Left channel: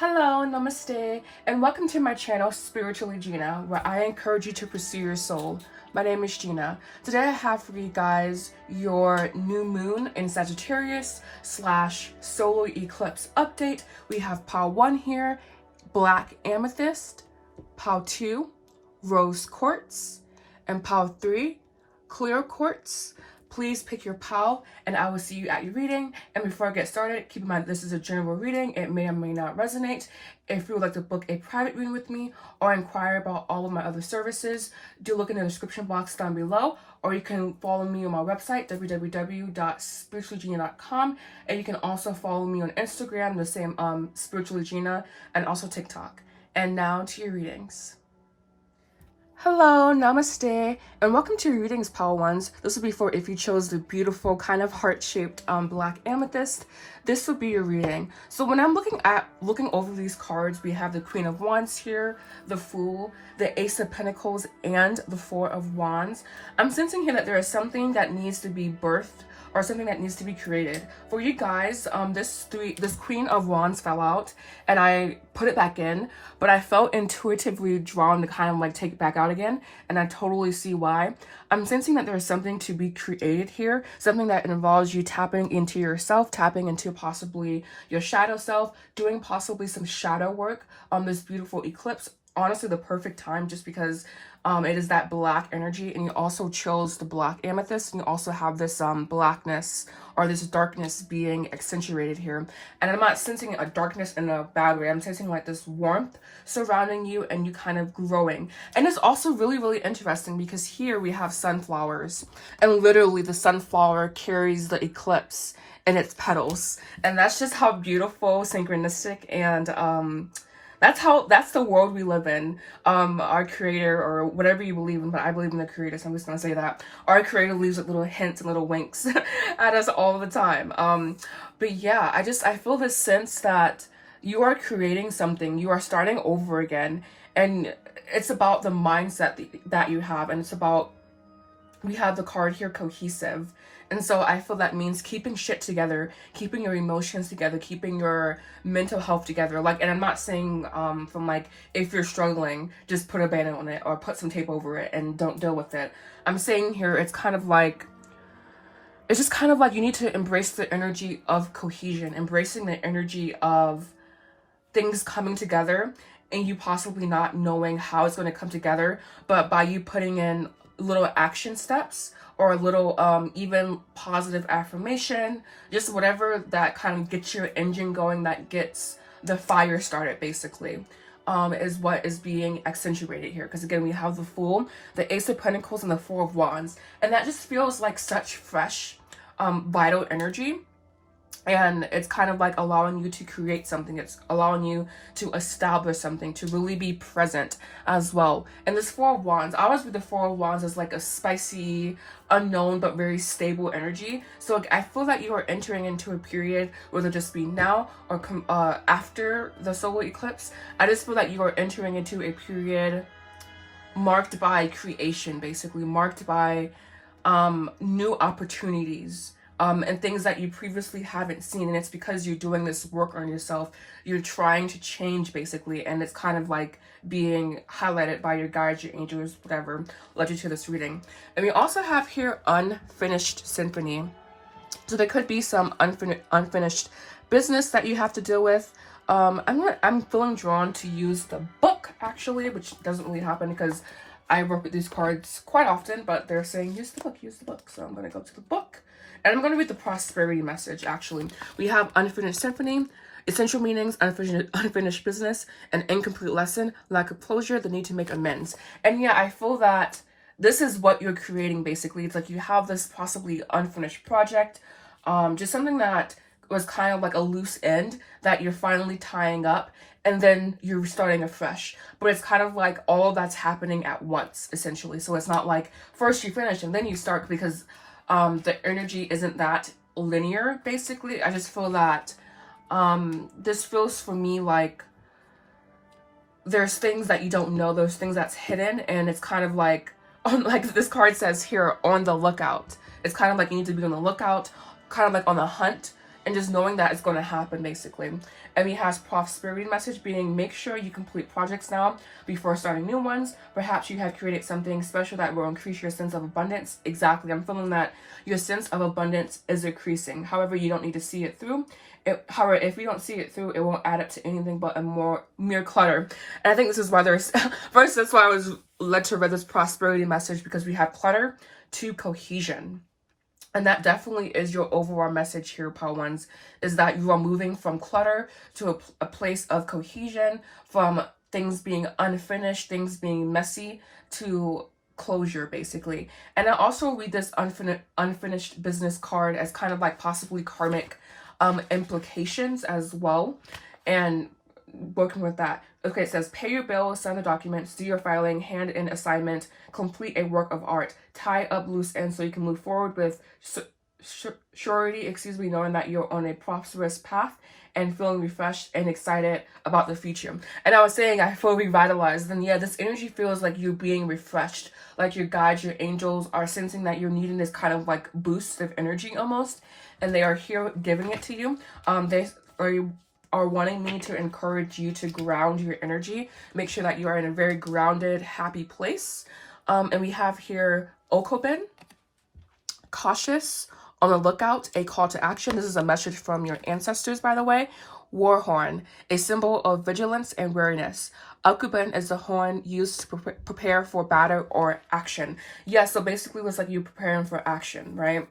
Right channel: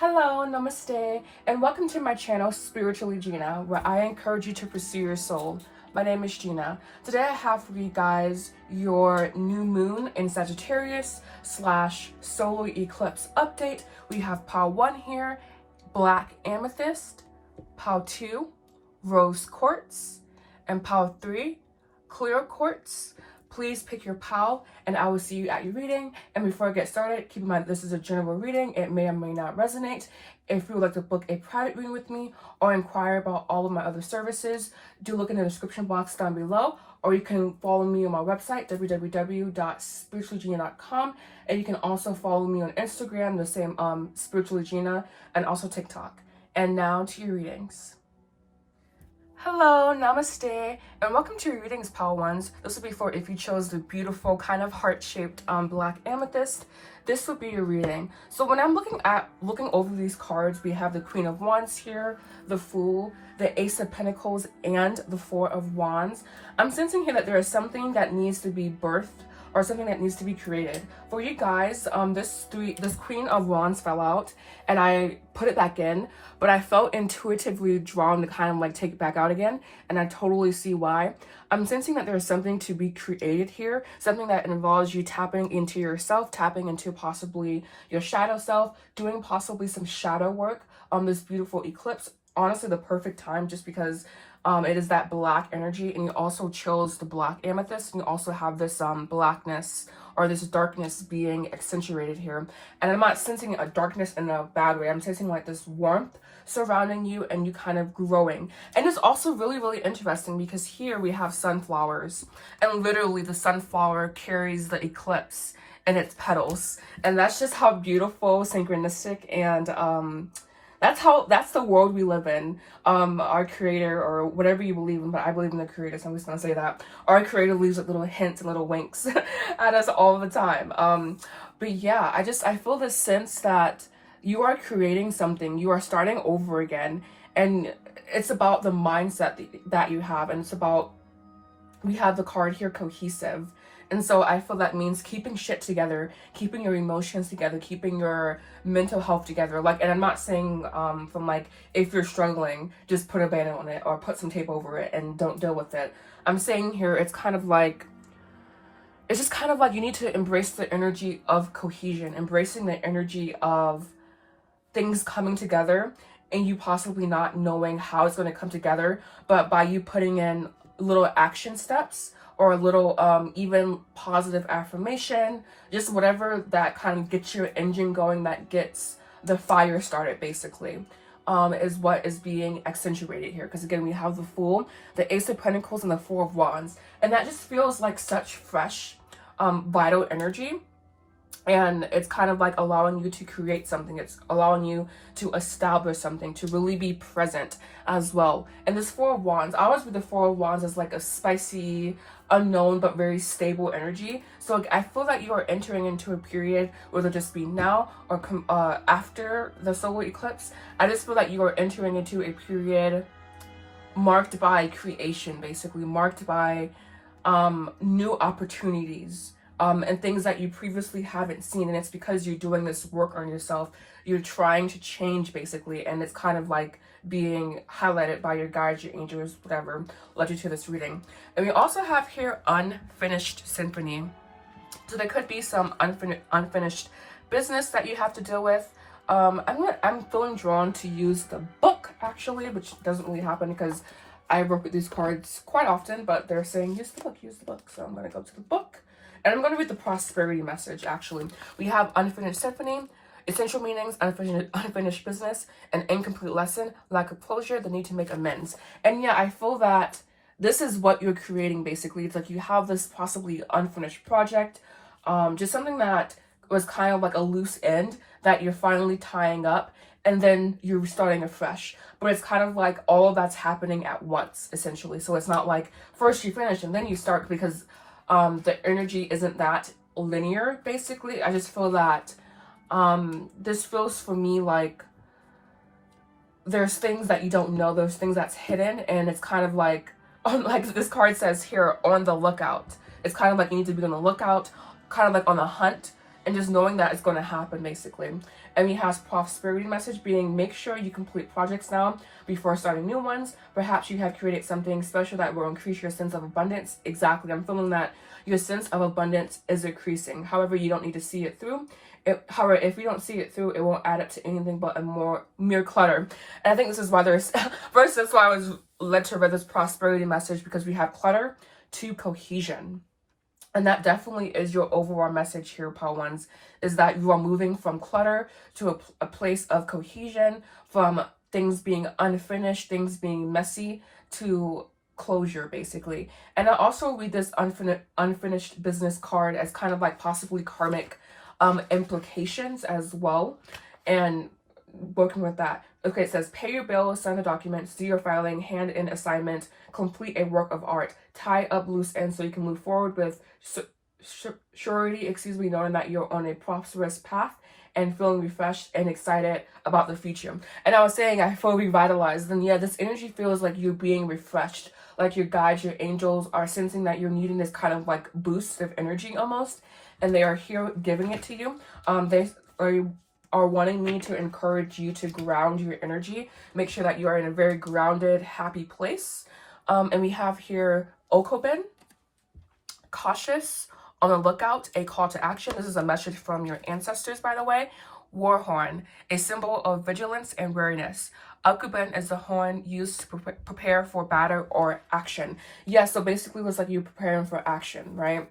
Hello, Namaste, and welcome to my channel, Spiritually Gina, where I encourage you to pursue your soul. My name is Gina. Today I have for you guys your new moon in Sagittarius / solar eclipse update. We have pile 1 here, black amethyst, pile 2, rose quartz, and pile 3, clear quartz. Please pick your pile and I will see you at your reading. And before I get started, keep in mind this is a general reading. It may or may not resonate. If you would like to book a private reading with me or inquire about all of my other services, do look in the description box down below, or you can follow me on my website, www.spirituallygina.com, and you can also follow me on Instagram, the same SpirituallyGina, and also TikTok. And now to your readings. Hello, Namaste, and welcome to your readings, pile ones. This will be for if you chose the beautiful kind of heart-shaped black amethyst. This will be your reading. So when I'm looking over these cards, we have the Queen of Wands here, the Fool, the Ace of Pentacles, and the Four of Wands. I'm sensing here that there is something that needs to be birthed or something that needs to be created. For you guys, this Queen of Wands fell out and I put it back in, but I felt intuitively drawn to kind of like take it back out again, and I totally see why. I'm sensing that there's something to be created here, something that involves you tapping into yourself, tapping into possibly your shadow self, doing possibly some shadow work on this beautiful eclipse. Honestly, the perfect time, just because it is that black energy, and you also chose the black amethyst, and you also have this blackness or this darkness being accentuated here. And I'm not sensing a darkness in a bad way. I'm sensing like this warmth surrounding you and you kind of growing. And it's also really, really interesting because here we have sunflowers, and literally the sunflower carries the eclipse in its petals. And that's just how beautiful, synchronistic, and that's the world we live in. Our creator, or whatever you believe in, but I believe in the creator, so I'm just gonna say that. Our creator leaves like little hints and little winks at us all the time. But yeah, I feel this sense that you are creating something, you are starting over again, and it's about the mindset that you have, and it's about, we have the card here, cohesive. And so I feel that means keeping shit together, keeping your emotions together, keeping your mental health together. Like, and I'm not saying from like, if you're struggling, just put a band on it or put some tape over it and don't deal with it. I'm saying here, it's kind of like, it's just kind of like you need to embrace the energy of cohesion, embracing the energy of things coming together and you possibly not knowing how it's going to come together, but by you putting in little action steps or a little even positive affirmation, just whatever that kind of gets your engine going, that gets the fire started basically, is what is being accentuated here. Because again, we have the Fool, the Ace of Pentacles, and the Four of Wands, and that just feels like such fresh, vital energy. And it's kind of like allowing you to create something. It's allowing you to establish something, to really be present as well. And this Four of Wands, I always read the Four of Wands as like a spicy, unknown, but very stable energy. So like, I feel that you are entering into a period, whether it just be now or after the solar eclipse. I just feel that you are entering into a period marked by creation, basically, marked by new opportunities. And things that you previously haven't seen, and it's because you're doing this work on yourself. You're trying to change basically, and it's kind of like being highlighted by your guides, your angels, whatever led you to this reading. And we also have here unfinished symphony. So there could be some unfinished business that you have to deal with. I'm feeling drawn to use the book actually, which doesn't really happen because I work with these cards quite often, but they're saying use the book, use the book. So I'm gonna go to the book. And I'm going to read the prosperity message, actually. We have unfinished symphony, essential meanings, unfinished business, an incomplete lesson, lack of closure, the need to make amends. And yeah, I feel that this is what you're creating, basically. It's like you have this possibly unfinished project, just something that was kind of like a loose end that you're finally tying up, and then you're starting afresh. But it's kind of like all that's happening at once, essentially. So it's not like first you finish and then you start, because the energy isn't that linear, basically. I just feel that this feels for me like there's things that you don't know, there's things that's hidden, and it's kind of like this card says here, on the lookout. It's kind of like you need to be on the lookout, kind of like on the hunt, and just knowing that it's going to happen, basically. And we have prosperity message being, make sure you complete projects now before starting new ones. Perhaps you have created something special that will increase your sense of abundance. Exactly. I'm feeling that your sense of abundance is increasing. However, you don't need to see it through. However, if you don't see it through, it won't add up to anything but a more mere clutter. And I think this is why there's, first, that's why I was led to read this prosperity message, because we have clutter to cohesion. And that definitely is your overall message here, Pile Ones, is that you are moving from clutter to a place of cohesion, from things being unfinished, things being messy, to closure, basically. And I also read this unfinished business card as kind of like possibly karmic implications as well, and working with that. Okay, it says pay your bills, sign the documents, do your filing, hand in assignment, complete a work of art, tie up loose ends so you can move forward with surety, knowing that you're on a prosperous path and feeling refreshed and excited about the future. And I was saying I feel revitalized, and yeah, this energy feels like you're being refreshed, like your guides, your angels are sensing that you're needing this kind of like boost of energy almost, and they are here giving it to you. They are wanting me to encourage you to ground your energy, make sure that you are in a very grounded, happy place. And we have here Okobin, cautious, on the lookout, a call to action. This is a message from your ancestors, by the way. Warhorn, a symbol of vigilance and wariness. Okobin is the horn used to prepare for battle or action. Yeah, so basically it's like you're preparing for action, right?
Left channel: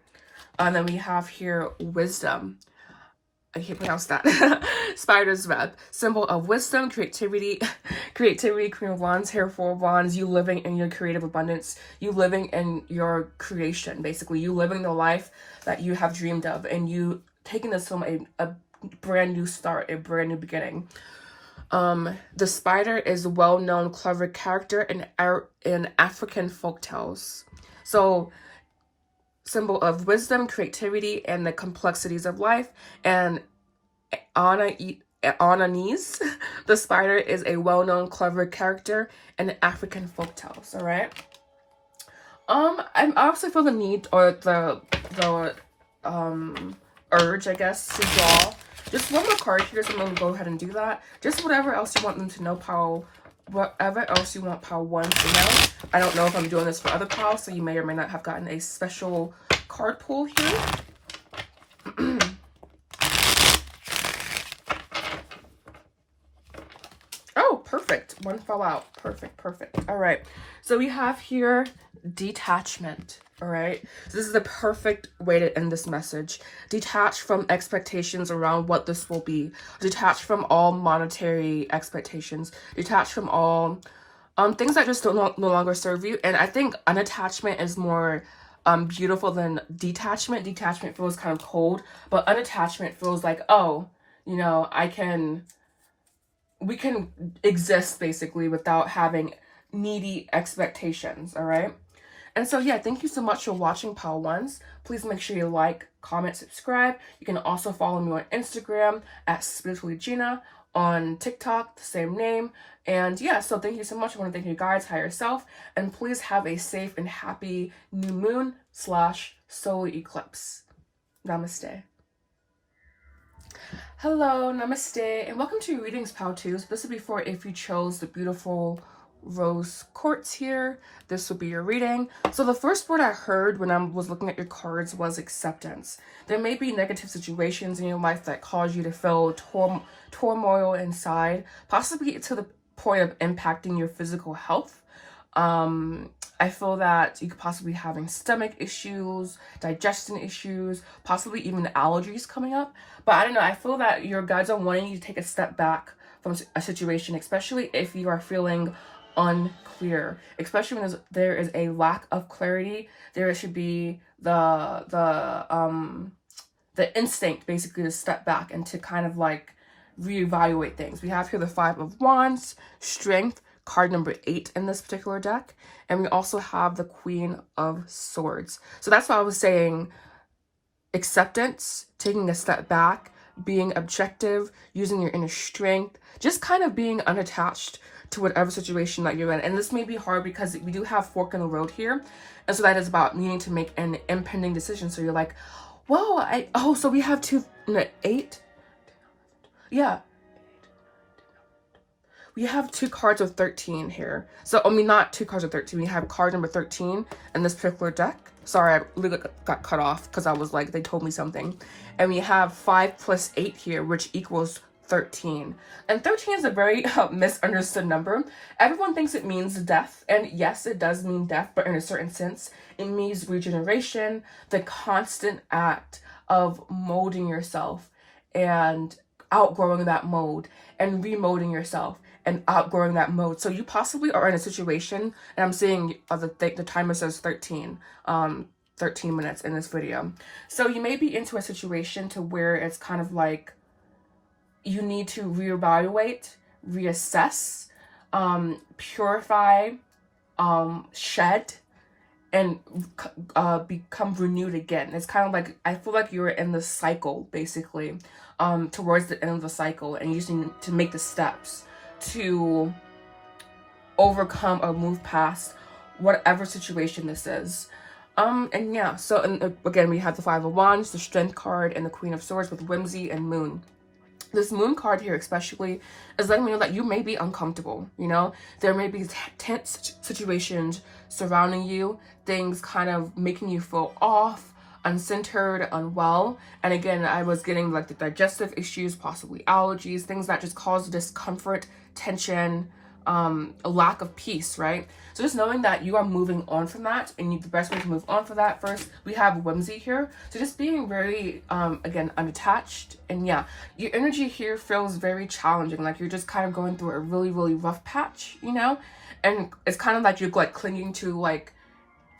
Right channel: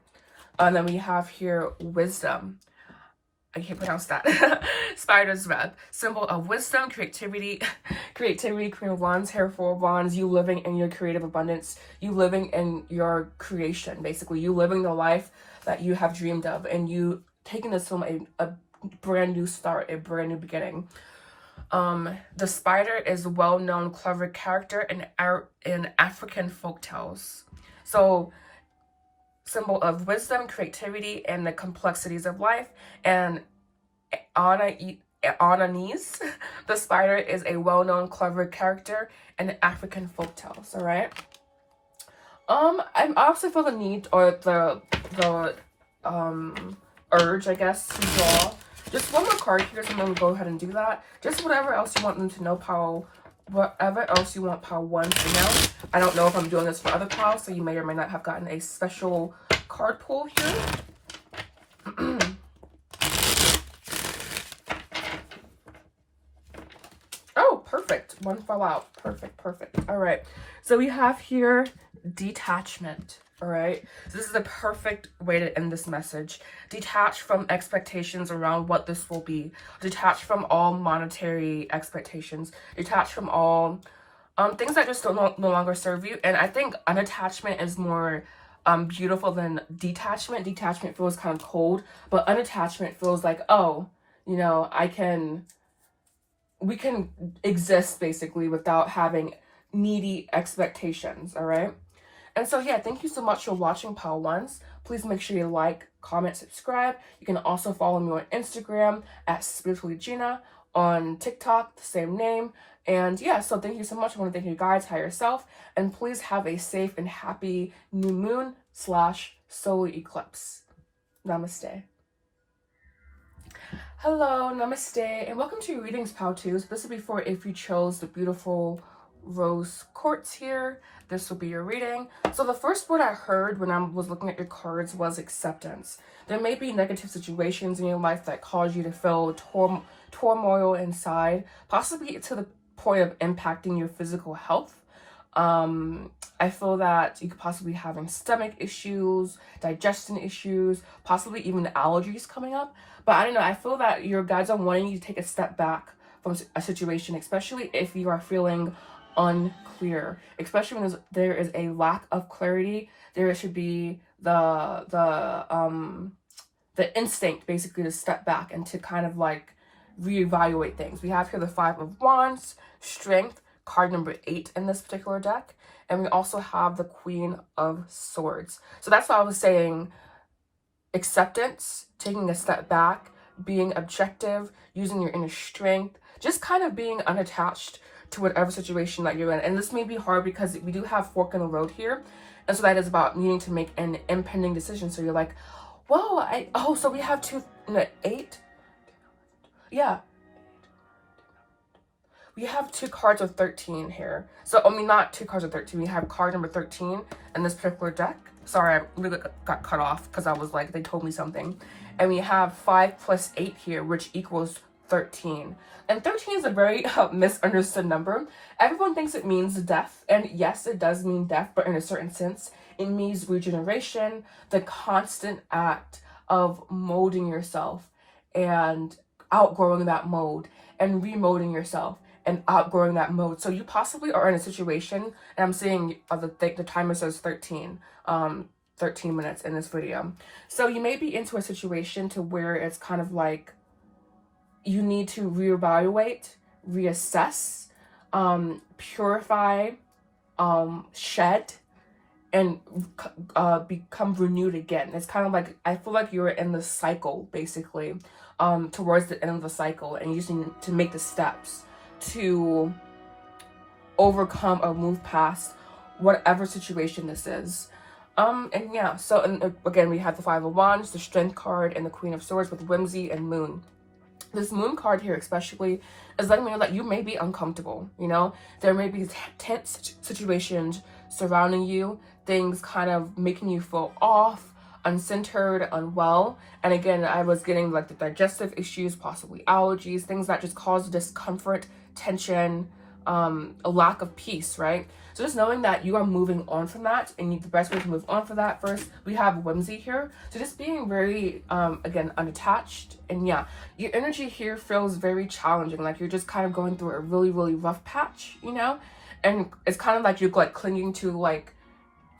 And then we have here wisdom. I can't pronounce that. Spider's web, symbol of wisdom, creativity, Queen of Wands, here 4 of Wands, you living in your creative abundance, you living in your creation, basically, you living the life that you have dreamed of, and you taking this from a brand new start, a brand new beginning. The spider is a well-known clever character in African folktales. So, symbol of wisdom, creativity, and the complexities of life. And Ananis, the spider, is a well-known clever character in African folktales. All right. I also feel the need, or the urge, I guess, to draw just one more card here, so I'm going to go ahead and do that. Just whatever else you want them to know, Pile. Whatever else you want Pile 1 to know. I don't know if I'm doing this for other piles, so you may or may not have gotten a special card pull here. Oh, perfect. One fell out. Perfect. All right. So we have here detachment. All right. So this is the perfect way to end this message. Detach from expectations around what this will be. Detach from all monetary expectations. Detach from all things that just no longer serve you. And I think unattachment is more beautiful than detachment. Detachment feels kind of cold, but unattachment feels like, oh, you know, we can exist basically without having needy expectations. All right. And so, yeah, thank you so much for watching, Pile Ones. Please make sure you like, comment, subscribe. You can also follow me on Instagram at SpirituallyGina, on TikTok, the same name. And yeah, so thank you so much. I want to thank you guys, higher self, and please have a safe and happy new moon / solar eclipse. Namaste. Hello, namaste, and welcome to your readings, Pile 2s. This will be for if you chose the beautiful rose quartz here. This will be your reading. So the first word I heard when I was looking at your cards was acceptance. There may be negative situations in your life that cause you to feel turmoil inside, possibly to the point of impacting your physical health. I feel that you could possibly be having stomach issues, digestion issues, possibly even allergies coming up. But I don't know, I feel that your guides are wanting you to take a step back from a situation, especially if you are feeling unclear, especially when there is a lack of clarity. There should be the instinct basically to step back and to kind of like reevaluate things. We have here the 5 of Wands, strength, card number 8 in this particular deck, and we also have the Queen of Swords. So that's what I was saying, acceptance, taking a step back, being objective, using your inner strength, just kind of being unattached to whatever situation that you're in. And this may be hard because we do have fork in the road here. And so that is about needing to make an impending decision. So you're like, whoa, so we have two no, 8. Yeah. We have 2 cards of 13 here. So, I mean, not 2 cards of 13. We have card number 13 in this particular deck. Sorry, I really got cut off because I was like, they told me something. And we have 5 plus 8 here, which equals 13. And 13 is a very misunderstood number. Everyone thinks it means death. And yes, it does mean death, but in a certain sense, it means regeneration, the constant act of molding yourself and outgrowing that mode and remolding yourself and outgrowing that mode. So you possibly are in a situation, and I'm seeing the timer says 13 minutes in this video. So you may be into a situation to where it's kind of like you need to reevaluate, reassess, purify, shed, and become renewed again. It's kind of like, I feel like you're in the cycle, basically, towards the end of the cycle, and you just need to make the steps to overcome or move past whatever situation this is. And yeah, so and again, we have the 5 of Wands, the Strength card, and the Queen of Swords with Whimsy and Moon. This Moon card here especially is letting me know that you may be uncomfortable, you know? There may be tense situations surrounding you, things kind of making you feel off, uncentered, unwell. And again, I was getting like the digestive issues, possibly allergies, things that just cause discomfort, tension, a lack of peace, right? So just knowing that you are moving on from that, and the best way to move on from that, first, we have Whimsy here. So just being very, again, unattached. And yeah, your energy here feels very challenging. Like you're just kind of going through a really, really rough patch, you know? And it's kind of like you're like clinging to like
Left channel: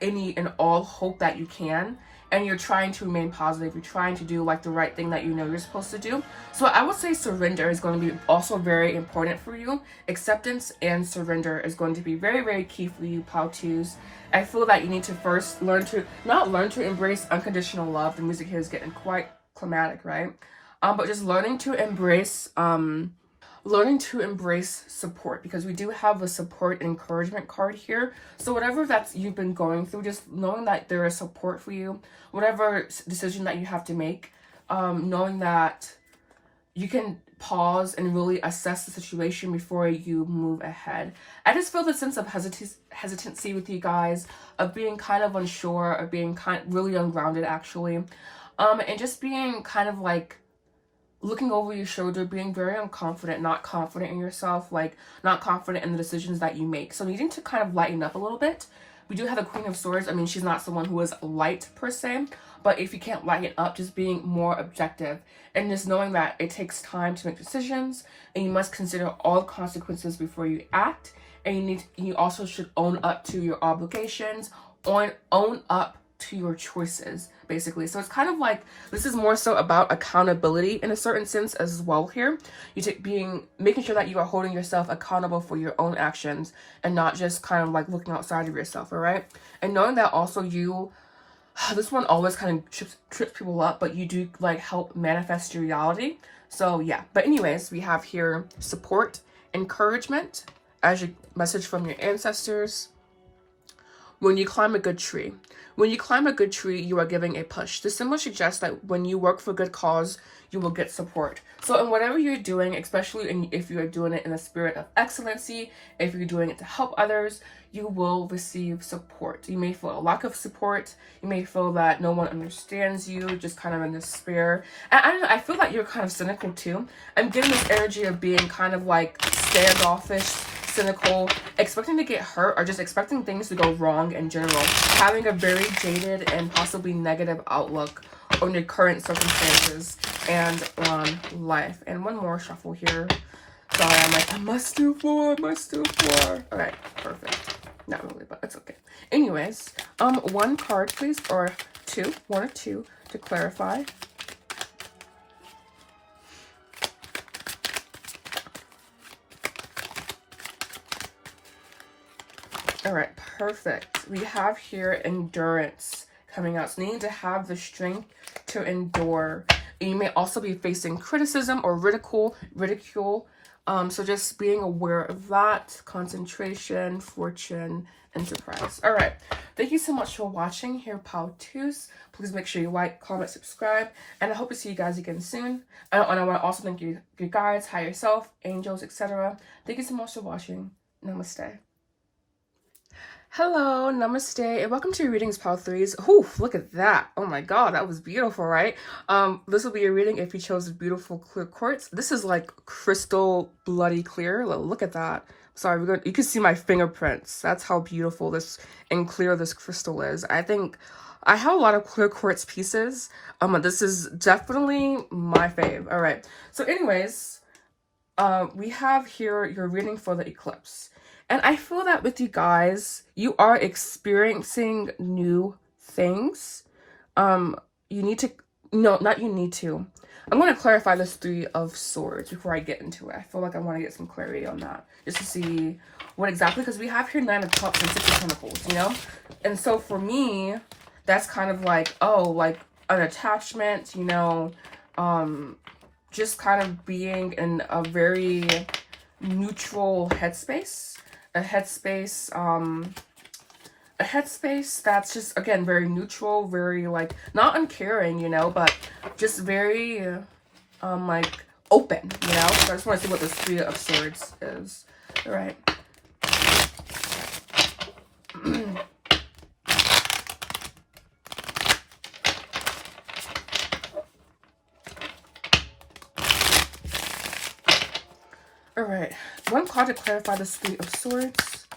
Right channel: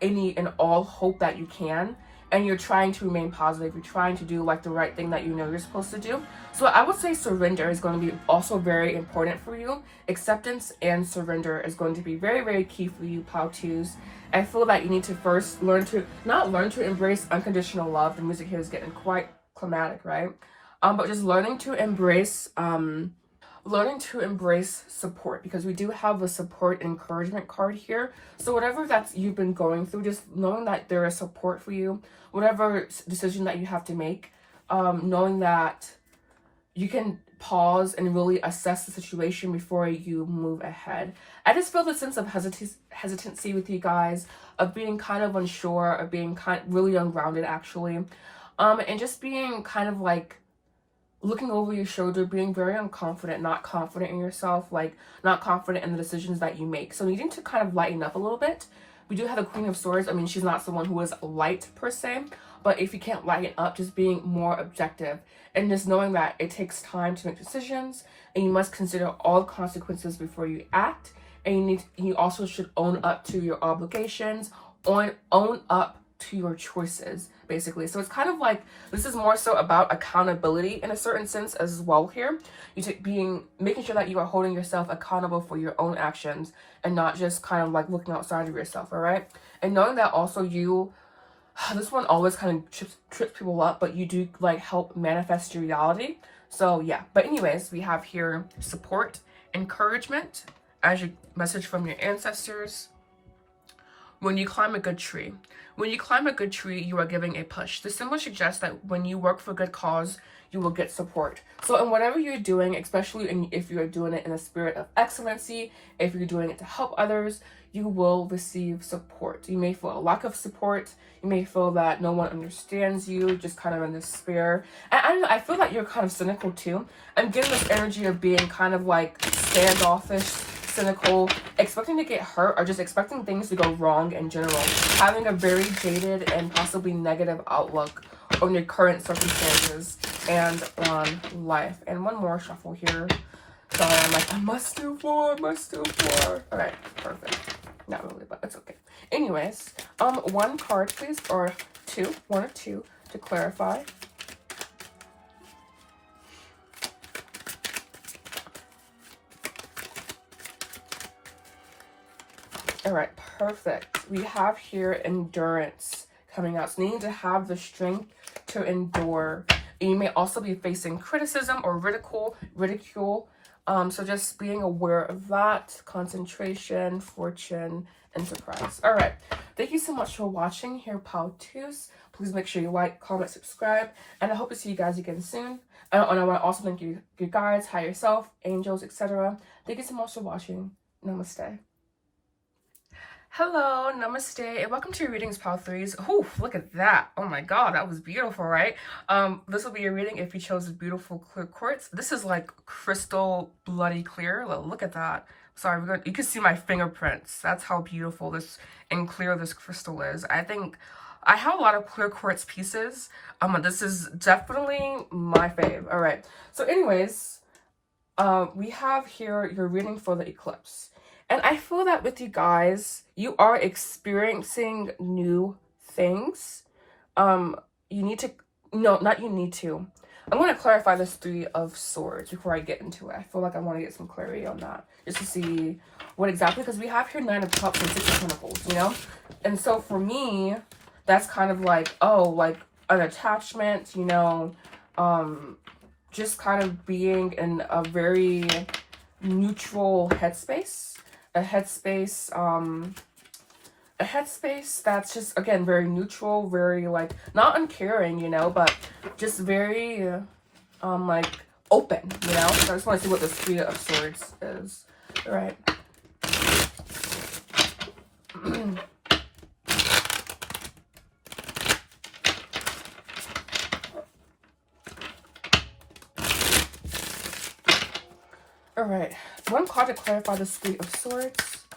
any and all hope that you can. And you're trying to remain positive. You're trying to do like the right thing that you know you're supposed to do. So I would say surrender is going to be also very important for you. Acceptance and surrender is going to be very, very key for you, Plow-2s. I feel that you need to first not learn to embrace unconditional love. The music here is getting quite climatic, right? But just learning to embrace support, because we do have the support and encouragement card here. So whatever that's you've been going through, just knowing that there is support for you, whatever decision that you have to make, knowing that you can pause and really assess the situation before you move ahead. I just feel the sense of hesitancy with you guys, of being kind of unsure, of being really ungrounded actually, and just being kind of like looking over your shoulder, being very unconfident, not confident in yourself, like not confident in the decisions that you make. So needing to kind of lighten up a little bit. We do have the Queen of Swords. I mean, she's not someone who is light per se, but if you can't lighten up, just being more objective and just knowing that it takes time to make decisions, and you must consider all the consequences before you act. And you also should own up to your obligations, own up to your choices, basically. So it's kind of like, this is more so about accountability in a certain sense as well here. Making sure that you are holding yourself accountable for your own actions and not just kind of like looking outside of yourself, all right? And knowing that also this one always kind of trips people up, but you do like help manifest your reality. So yeah, but anyways, we have here support, encouragement as your message from your ancestors. When you climb a good tree. When you climb a good tree, you are giving a push. This symbol suggests that when you work for a good cause, you will get support. So in whatever you're doing, especially if you're doing it in a spirit of excellency, if you're doing it to help others, you will receive support. You may feel a lack of support. You may feel that no one understands you, just kind of in despair. And I don't know, I feel that you're kind of cynical too. I'm getting this energy of being kind of like standoffish, cynical, expecting to get hurt, or just expecting things to go wrong in general. Having a very jaded and possibly negative outlook on your current circumstances and on life. And one more shuffle here. Sorry, I'm like, I must do more. Okay, perfect. Not really, but it's okay. Anyways, one card, please, or two, one or two, to clarify. All right, perfect. We have here endurance coming out. So needing to have the strength to endure. You may also be facing criticism or ridicule. So just being aware of that. Concentration, fortune, and surprise. All right. Thank you so much for watching here, Pal Twos. Please make sure you like, comment, subscribe, and I hope to see you guys again soon. And I want to also thank you, your guides, higher self, angels, etc. Thank you so much for watching. Namaste. Hello, namaste, and welcome to your readings, Pal Threes. Ooh, look at that. Oh my god, that was beautiful, right? This will be your reading if you chose beautiful clear quartz. This is like crystal bloody clear. Look at that. Sorry, you can see my fingerprints. That's how beautiful this and clear this crystal is. I think I have a lot of clear quartz pieces. This is definitely my fave. All right. So anyways, we have here your reading for the eclipse. And I feel that with you guys, you are experiencing new things. You need to, no, not you need to. I'm going to clarify this Three of Swords before I get into it. I feel like I want to get some clarity on that. Just to see what exactly, because we have here Nine of Cups and Six of Pentacles, you know? And so for me, that's kind of like, oh, like an attachment, you know, just kind of being in a very neutral headspace. A headspace that's just, again, very neutral, very like not uncaring, you know, but just very like open, you know. I just want to see what this Three of Swords is. All right. All right, one card to clarify the Three of Swords.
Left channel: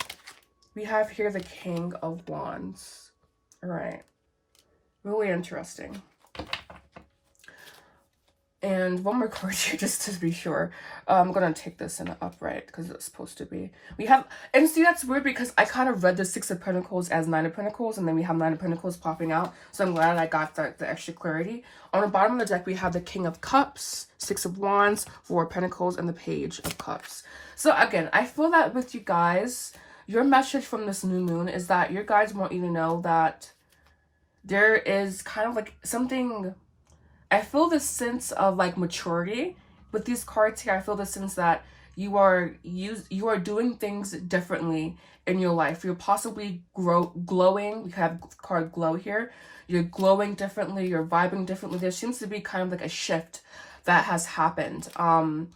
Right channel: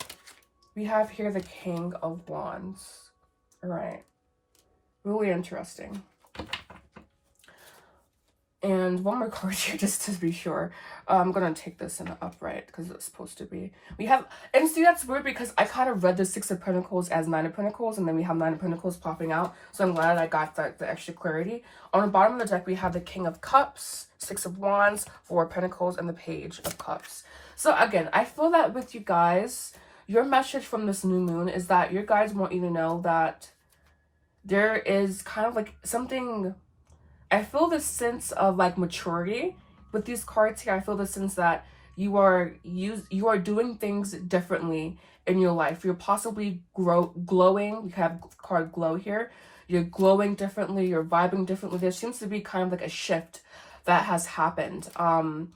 We have here the King of Wands. All right, really interesting. And one more card here just to be sure. I'm gonna take this in an upright because it's supposed to be. We have, and see, that's weird because I kind of read the Six of Pentacles as Nine of Pentacles, and then we have Nine of Pentacles popping out. So I'm glad I got the extra clarity. On the bottom of the deck, we have the King of Cups, Six of Wands, Four of Pentacles, and the Page of Cups. So again, I feel that with you guys, your message from this new moon is that your guys want you to know that there is kind of like something. I feel this sense of like maturity with these cards here. I feel the sense that you are doing things differently in your life. You're possibly glowing. We have card glow here. You're glowing differently. You're vibing differently. There seems to be kind of like a shift that has happened. An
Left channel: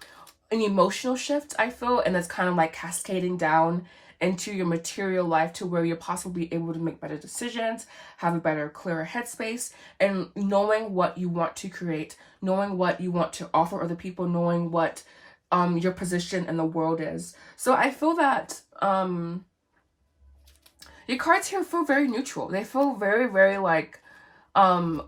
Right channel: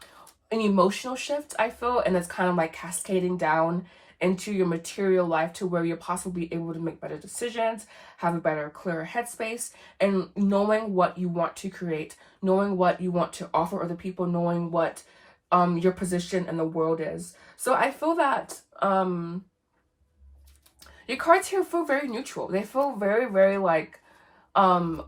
emotional shift, I feel, and it's kind of like cascading down into your material life to where you're possibly able to make better decisions, have a better, clearer headspace, and knowing what you want to create, knowing what you want to offer other people, knowing what your position in the world is. So I feel that your cards here feel very neutral. They feel very, very like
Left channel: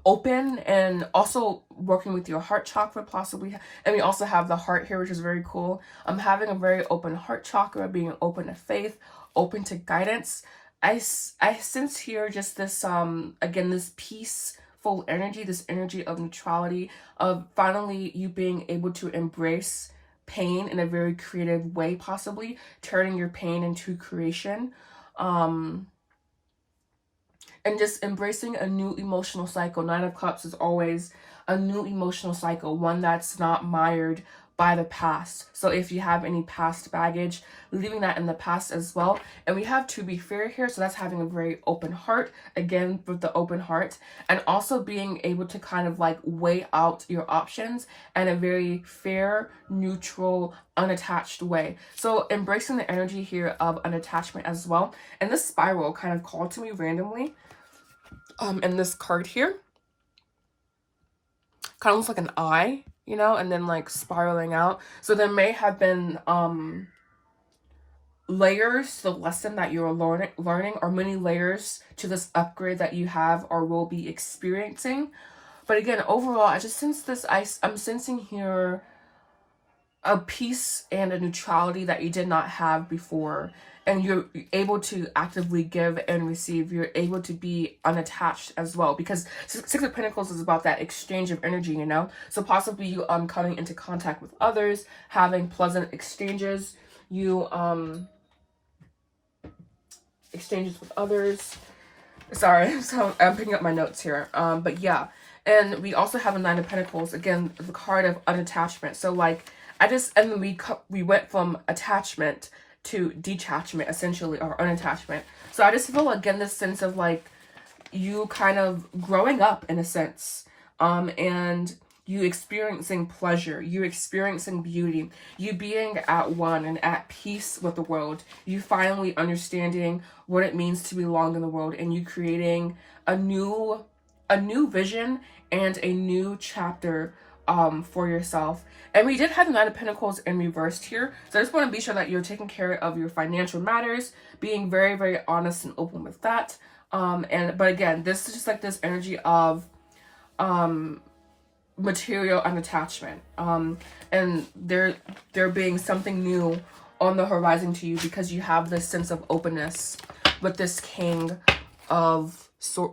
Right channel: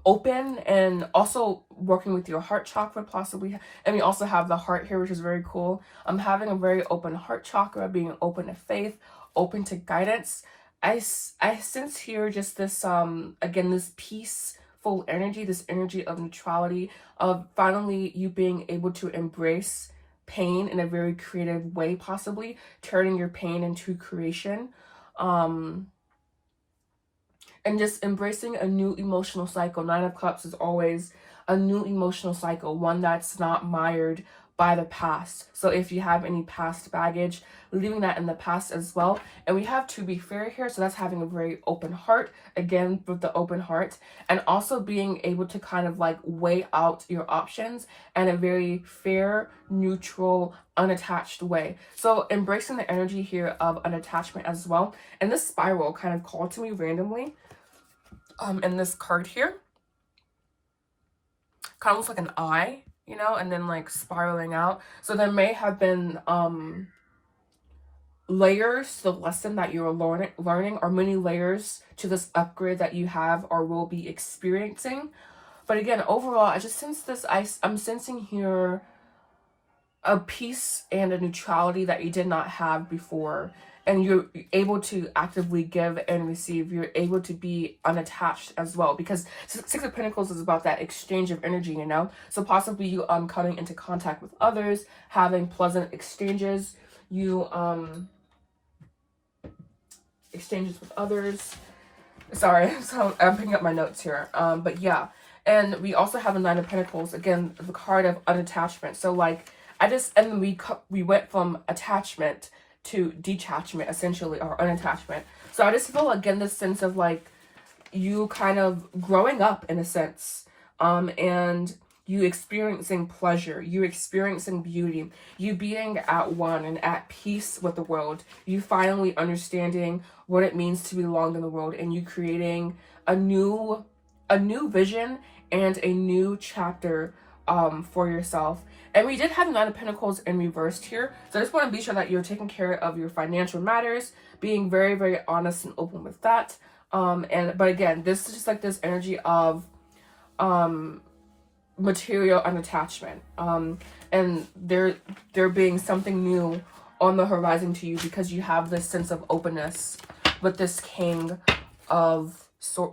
open, and also working with your heart chakra possibly. And we also have the heart here, which is very cool. I'm having a very open heart chakra, being open to faith, open to guidance. I sense here just this again, this peaceful energy, this energy of neutrality, of finally you being able to embrace pain in a very creative way, possibly turning your pain into creation. And just embracing a new emotional cycle. Nine of Cups is always a new emotional cycle, one that's not mired by the past. So if you have any past baggage, leaving that in the past as well. And we have To Be Fair here, so that's having a very open heart, again with the open heart, and also being able to kind of like weigh out your options in a very fair, neutral, unattached way. So embracing the energy here of an attachment as well. And this spiral kind of called to me randomly. In this card here, kind of looks like an eye, you know, and then like spiraling out. So there may have been layers to the lesson that you're learning, or many layers to this upgrade that you have or will be experiencing. But again, overall, I just sense this. I'm sensing here a peace and a neutrality that you did not have before. And you're able to actively give and receive. You're able to be unattached as well, because Six of Pentacles is about that exchange of energy, you know. So possibly you coming into contact with others, having pleasant exchanges. You exchanges with others. Sorry, so I'm picking up my notes here. But yeah, and we also have a Nine of Pentacles, again the card of unattachment. So like and then we went from attachment to detachment, essentially, or unattachment. So I just feel, again, this sense of like you kind of growing up in a sense, and you experiencing pleasure, you experiencing beauty, you being at one and at peace with the world, you finally understanding what it means to belong in the world, and you creating a new vision and a new chapter for yourself. And we did have 9 of Pentacles in reversed here, so I just want to be sure that you're taking care of your financial matters, being very, very honest and open with that. But again, this is just like this energy of material unattachment, and there being something new on the horizon to you, because you have this sense of openness with this King of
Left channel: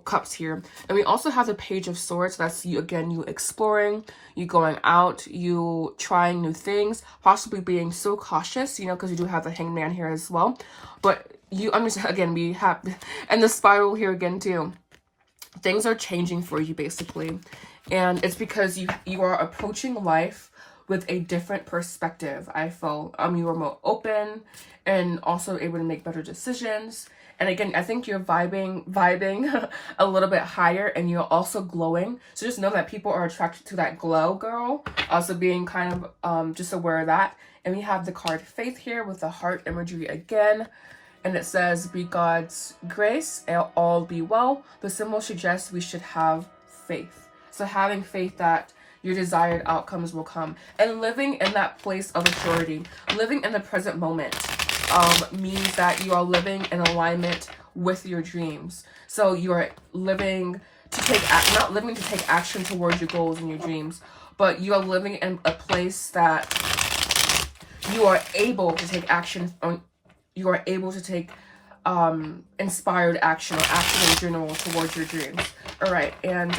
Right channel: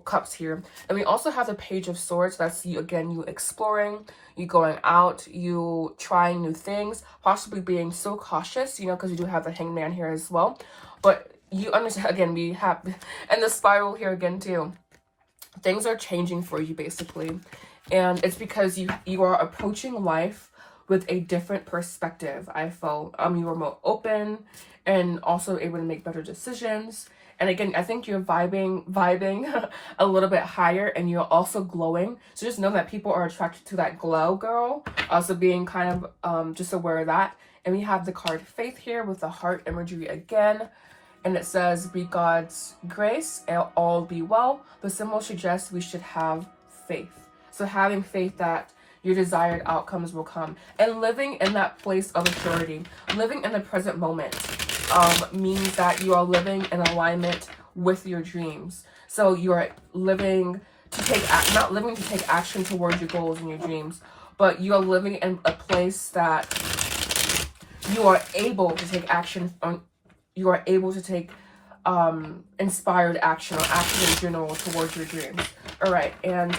Cups here. And we also have the Page of Swords. That's you, again, you exploring, you going out, you trying new things, possibly being so cautious, you know, because you do have the Hangman here as well. But you understand, again, we have, and the Spiral here again too. Things are changing for you, basically. And it's because you are approaching life with a different perspective. I feel you are more open and also able to make better decisions. And again, I think you're vibing a little bit higher, and you're also glowing. So just know that people are attracted to that glow, girl. Also being kind of just aware of that. And we have the card Faith here with the heart imagery again. And it says, be God's grace and all be well. The symbol suggests we should have faith. So having faith that your desired outcomes will come. And living in that place of authority, living in the present moment, means that you are living in alignment with your dreams. So you are living to take, not living to take action towards your goals and your dreams, but you are living in a place that you are able to take action on. You are able to take inspired action, or action in general towards your dreams. All right, and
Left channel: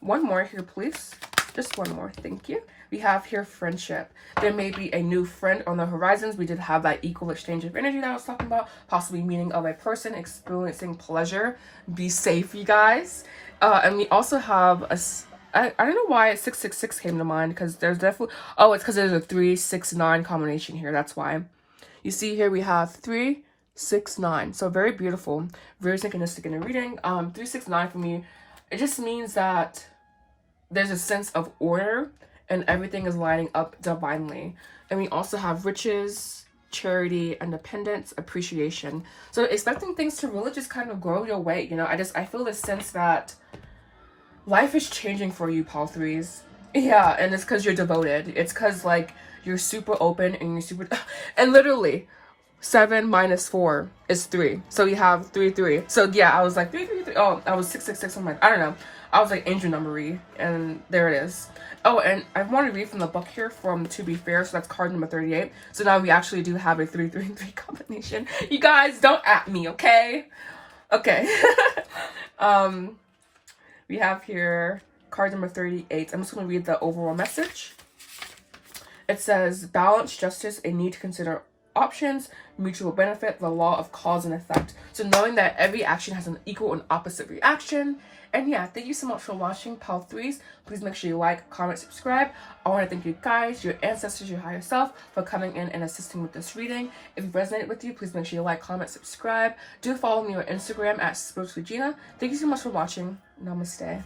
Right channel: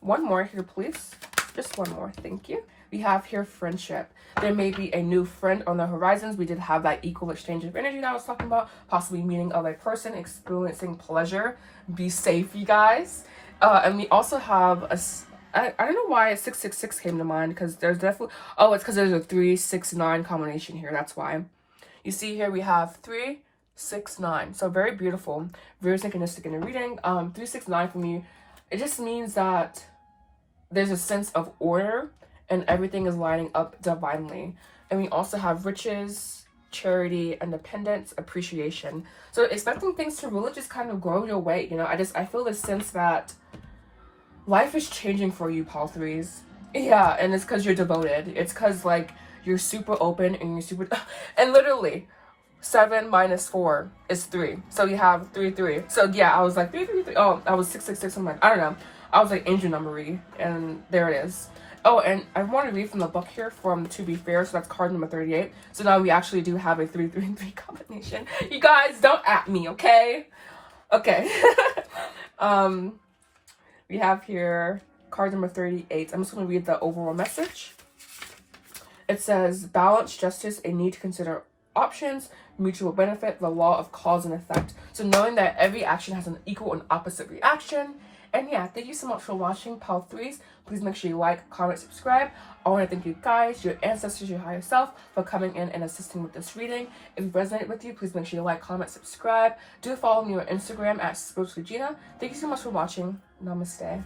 one more here, please. Just one more, thank you. We have here friendship. There may be a new friend on the horizons. We did have that equal exchange of energy that I was talking about. Possibly meeting of a person, experiencing pleasure. Be safe, you guys. And we also have a, I don't know why 666 came to mind, because there's definitely, oh, it's because there's a 3-6-9 combination here. That's why. You see here we have 3, 6, 9. So very beautiful, very synchronistic in the reading. 3, 6, 9 for me, it just means that there's a sense of order and everything is lining up divinely. And we also have riches, charity, independence, appreciation. So expecting things to really just kind of grow your way. You know, I feel this sense that life is changing for you, Paul Threes. Yeah, and it's because you're devoted. It's because like you're super open and you're super, and literally 7 minus 4 is 3. So you have 3, 3. So yeah, I was like 3, 3, 3. Oh, I was 6, 6, 6. I'm like, I don't know. I was like angel numbery, and there it is. Oh, and I want to read from the book here from To Be Fair. So that's card number 38. So now we actually do have a 3, 3, 3 combination. You guys don't at me, okay? Okay. We have here card number 38. I'm just going to read the overall message. It says, balance, justice, a need to consider options, mutual benefit, the law of cause and effect. So knowing that every action has an equal and opposite reaction. And yeah, thank you so much for watching, Pal Threes. Please make sure you like, comment, subscribe. I want to thank you guys, your ancestors, your higher self, for coming in and assisting with this reading. If it resonated with you, please make sure you like, comment, subscribe. Do follow me on Instagram at SpirituallyGina. Thank you so much for watching. Namaste.